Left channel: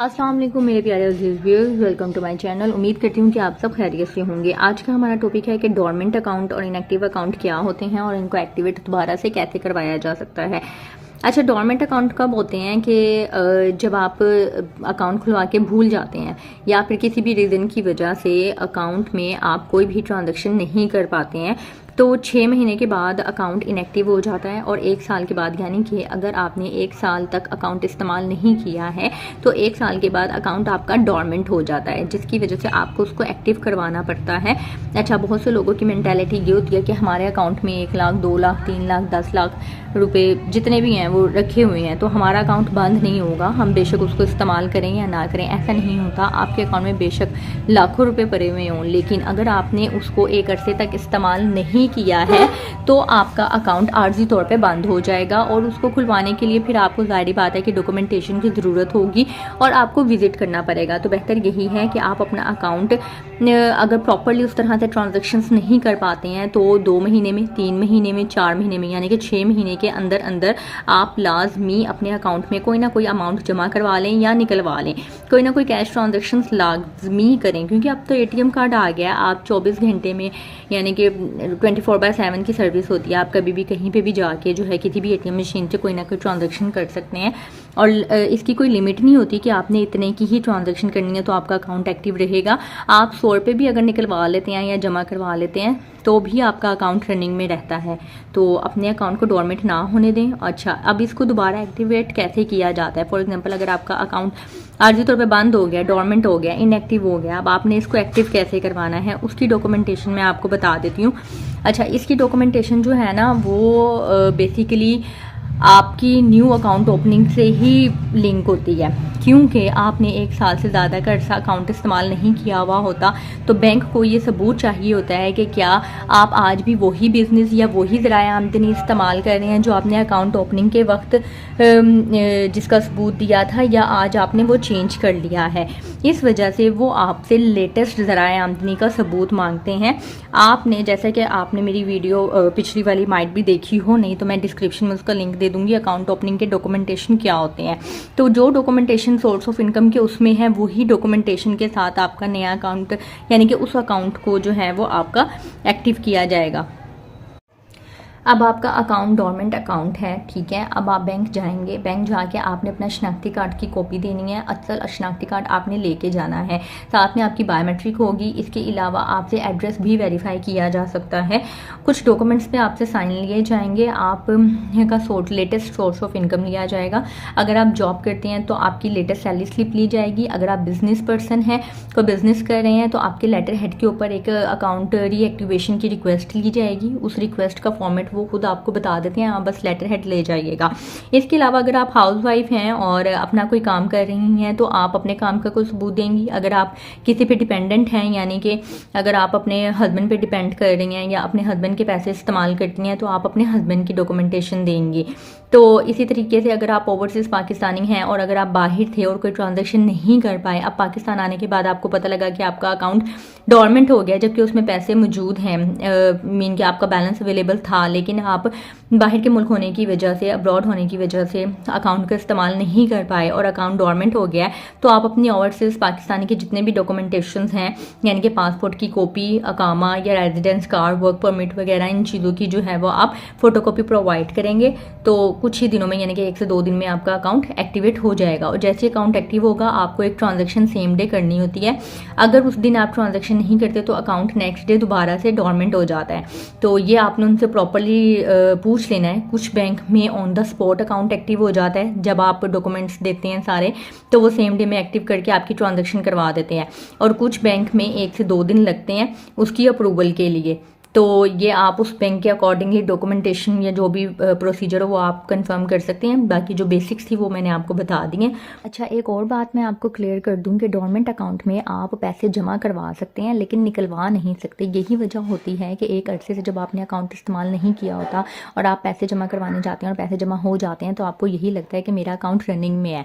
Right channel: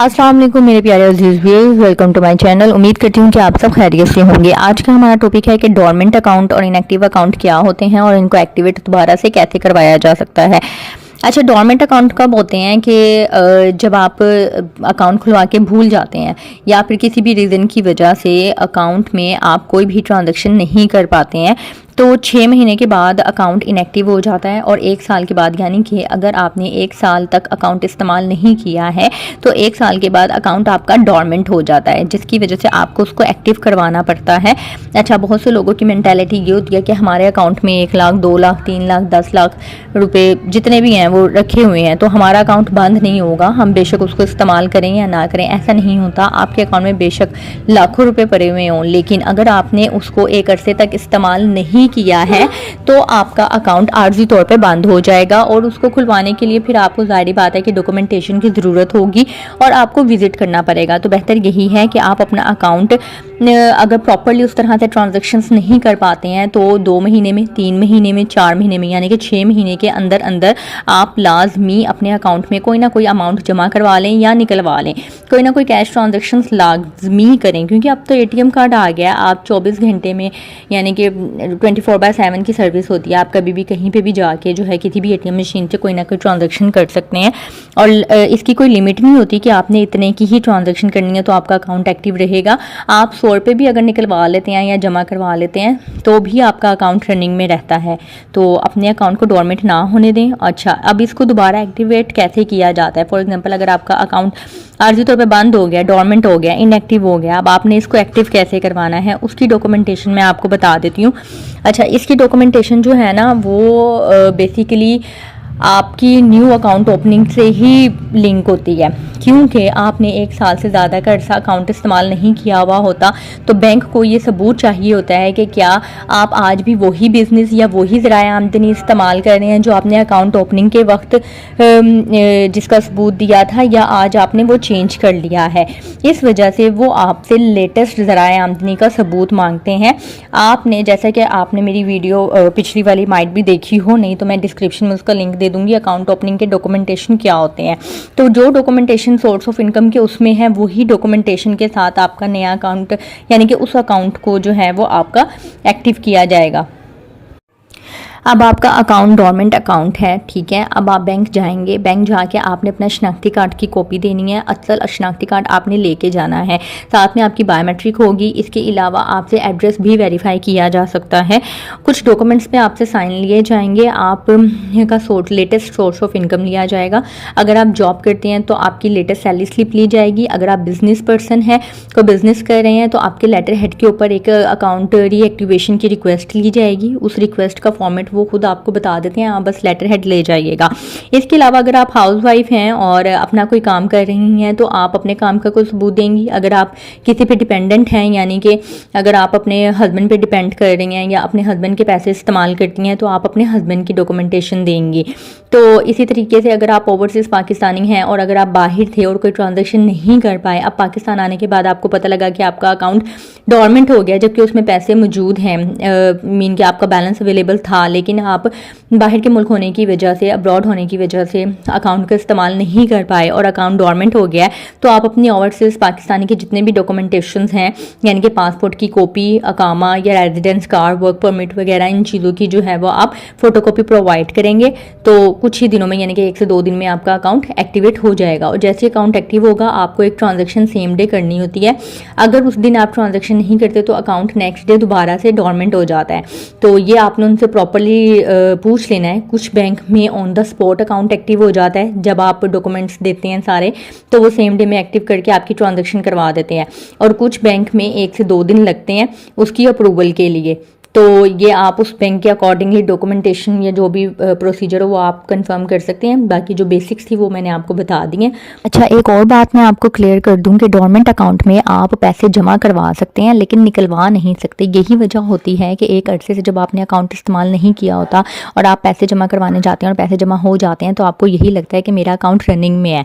अस्सलाम वालेकुम मेरे प्यारे अजीज viewers, welcome to my channel. उम्मीद करती हूँ कि आप सब खैरियत से होंगे। आज का हमारा टॉपिक है कि डोरमेंट अकाउंट और इनएक्टिव अकाउंट क्या होते हैं और इनको एक्टिवेट दोबारा से कैसे करवाया जा सकता है। अच्छा, डोरमेंट अकाउंट कब होते हैं कि जब आप अकाउंट खुलवा के भूल जाते हैं या फिर किसी भी रीज़न की वजह से अकाउंट में आप कोई भी ट्रांजैक्शन नहीं कर पाते हैं, तो 6 महीने के बाद अकाउंट इनएक्टिव हो जाता है। और 1 साल के बाद, यानी कि अगर आपने 1 साल तक अकाउंट इस्तेमाल नहीं किया है तो 1 साल के बाद अकाउंट आपका डोरमेंट हो जाता है, जिसकी वजह से आपको उसको एक्टिव करवाना पड़ता है। अच्छा, बहुत से लोगों की मेंटालिटी ये होती है कि हमारे अकाउंट में 1 लाख, 2 लाख, 3 लाख, 10 लाख रुपए जितने भी हैं वो रखे हुए हैं, तो हमारा अकाउंट बंद नहीं होगा, हम बेशक उसको इस्तेमाल करें या ना करें। ऐसा नहीं होता। आपके अकाउंट में बेशक लाखों रुपए पड़े हुए हों, लेकिन अगर आपने उसको एक अरसे तक इस्तेमाल नहीं किया है तो आपका अकाउंट आर्जी तौर पे बंद हो जाएगा। और उसको खुलवाने के लिए फिर आपको ज़ाहिर बात है कि डॉक्यूमेंटेशन की ज़रूरत होगी और आपको विजिट करना पड़ेगा। तो बेहतर यही है कि आप अपना अकाउंट अगर प्रॉपरली उस तरह से ट्रांजैक्शंस नहीं कर पाते हैं तो 2 महीने में, 3 महीने में, 4 महीने में, यानी कि 6 महीने के अंदर अंदर आप लाजमी अपने अकाउंट में कोई ना कोई अमाउंट जमा करवा लें या निकलवा लें। कोई ना कोई कैश ट्रांजैक्शंस लाजमी करें, क्योंकि अब तो एटीएम कार्ड आ गया। आप 24 घंटे में, यानी कि 24/7 की सर्विस होती है। आप कभी भी कहीं पे भी जाके जो है किसी भी एटीएम मशीन से कोई ना कोई ट्रांजैक्शन कर सकते हैं। और इसकी कोई लिमिट नहीं होती कि आपने इतने की ही ट्रांजैक्शन करनी है तो आपका अकाउंट एक्टिव रहेगा। आप 100 रुपये भी अगर निकलवा लेते हैं या जमा करवा लेते हैं तो भी आपका अकाउंट रनिंग में रहता है। तो अपने अकाउंट को डोरमेंट ना होने दें। अच्छा, अब इसको दोबारा एक्टिवेट कैसे किया जाता है? फॉर एग्जांपल, अगर आपका अकाउंट आर्जी तौर पे बंद हो गया, डोरमेंट हो गया, इनएक्टिव हो गया, अब आपने इसको एक्टिव कैसे करवाना है उसकी डॉक्यूमेंटेशन मैं आपको बता देती हूँ। अच्छा, इसकी डॉक्यूमेंटेशन जो है ना वो बेसिकली आपकी न्यू अकाउंट ओपनिंग से ही लिंक होती है, क्योंकि आपने 1 साल से ज़्यादा का अर्सा अकाउंट इस्तेमाल नहीं किया हुआ होता। तो बैंक को ये सबूत चाहिए होता है कि क्या आप आज भी वही बिज़नेस या वही ज़राए आमदनी इस्तेमाल कर रहे हैं जो आपने अकाउंट ओपनिंग के वक्त जिसका सबूत दिया था, या आज आपने वो चेंज कर लिया है। इस वजह से वो आपसे लेटेस्ट ज़राए आमदनी का सबूत मांगते हैं। आपने, जैसा कि आपने मेरी वीडियो पिछली वाली माइट भी देखी हो, नहीं तो मैं डिस्क्रिप्शन में उसका लिंक दे दूंगी, अकाउंट ओपनिंग के डॉक्यूमेंटेशन क्या होते हैं। तो जो डॉक्यूमेंटेशन सोर्स ऑफ इनकम के उसमें है, वही डॉक्यूमेंटेशन के साथ आपका नया अकाउंट, यानी कि उस अकाउंट को जो है वो आपका एक्टिव किया जाएगा। अब आपका अकाउंट डोरमेंट अकाउंट है, ठीक है। अब आप बैंक जाएंगे, बैंक जाके आपने अपना शनाख्ती कार्ड की कॉपी देनी है। असल शनाख्ती कार्ड आपने लेके जाना है, साथ में आपकी बायोमेट्रिक होगी। इसके अलावा आपसे एड्रेस भी वेरीफाई किया जा सकता है। कुछ डॉक्यूमेंट्स पे आपसे साइन लिए जाएंगे। आप का लेटेस्ट सोर्स ऑफ इनकम लिया जाएगा। अगर आप जॉब करते हैं तो आपकी लेटेस्ट सैलरी स्लिप ली जाएगी। अगर आप बिजनेस पर्सन हैं, कोई बिजनेस कर रहे हैं, तो आपके लेटर हेड के ऊपर एक अकाउंट रीएक्टिवेशन की रिक्वेस्ट ली जाएगी। उस रिक्वेस्ट का फॉर्मेट वो खुद आपको बता देते हैं, आप बस लेटर हेड ले जाइएगा। इसके अलावा अगर आप हाउस वाइफ हैं और अपना कोई काम कर रही हैं तो आप अपने काम का कोई सबूत देंगी। अगर आप किसी पे डिपेंडेंट हैं, यानी कि अगर आप अपने हस्बैंड पे डिपेंड कर रही हैं या अपने हस्बैंड के पैसे इस्तेमाल करती हैं, तो आप अपने हस्बैंड की डॉक्यूमेंटेशन देंगी। तो इसी तरीके से अगर आप ओवरसीज़ पाकिस्तानी हैं और अगर आप बाहर थे और कोई ट्रांजैक्शन नहीं कर पाए, अब पाकिस्तान आने के बाद आपको पता लगा कि आपका अकाउंट डोरमेंट हो गया जबकि उसमें पैसे मौजूद हैं, मीन कि आपका बैलेंस अवेलेबल था, लेकिन आप बाहर के मुल्क होने की वजह से, अब्रॉड होने की वजह से अकाउंट का इस्तेमाल नहीं कर पाए और अकाउंट डोरमेंट हो गया है, तो आप अपनी ओवरसीज़ पाकिस्तानी के जितने भी डॉक्यूमेंटेशंस हैं, यानी कि पासपोर्ट की कॉपी, अकामा या रेजिडेंस कार्ड, वर्क परमिट वगैरह, इन चीज़ों की जो है वो आप फोटोकॉपी प्रोवाइड करेंगे। तो कुछ ही दिनों में, यानी कि 1 से 2 दिन में आपका अकाउंट एक्टिवेट हो जाएगा। और जैसे अकाउंट एक्टिव होगा, आपको एक ट्रांजैक्शन सेम डे करनी होती है। अगर उस दिन आप ट्रांजैक्शन नहीं करते तो अकाउंट नेक्स्ट डे दोबारा से डोरमेंट हो जाता है। तो ये आपने उनसे प्रॉपरली पूछ लेना है। कुछ बैंक में on the spot account active हो जाता है, जब आप डॉक्यूमेंट्स देते हैं सारे तो वो सेम डे में एक्टिव करके आपकी ट्रांजैक्शन करवा देते हैं। और कुछ बैंक में 1 से 2 दिन लगते हैं उसकी अप्रूवल के लिए। तो ये आप उस बैंक के अकॉर्डिंगली डॉक्यूमेंटेशन या जो भी प्रोसीजर हो वो आप कंफर्म कर सकते हैं। बाकी जो बेसिक्स थी वो मैंने आपको बता दी हैं। अच्छा, एक और बात मैं आपको क्लियर कर दूं कि डोरमेंट अकाउंट में आप पैसे जमा करवा सकते हैं लेकिन निकलवा नहीं सकते। यही वजह होती है कि एक अरसे से जब आपने अकाउंट इस्तेमाल नहीं किया होता और आप पैसे जमा करवाने जाते हैं और पैसे जमा हो जाते हैं तो आपको यही लगता है कि मेरा अकाउंट रनिंग में है।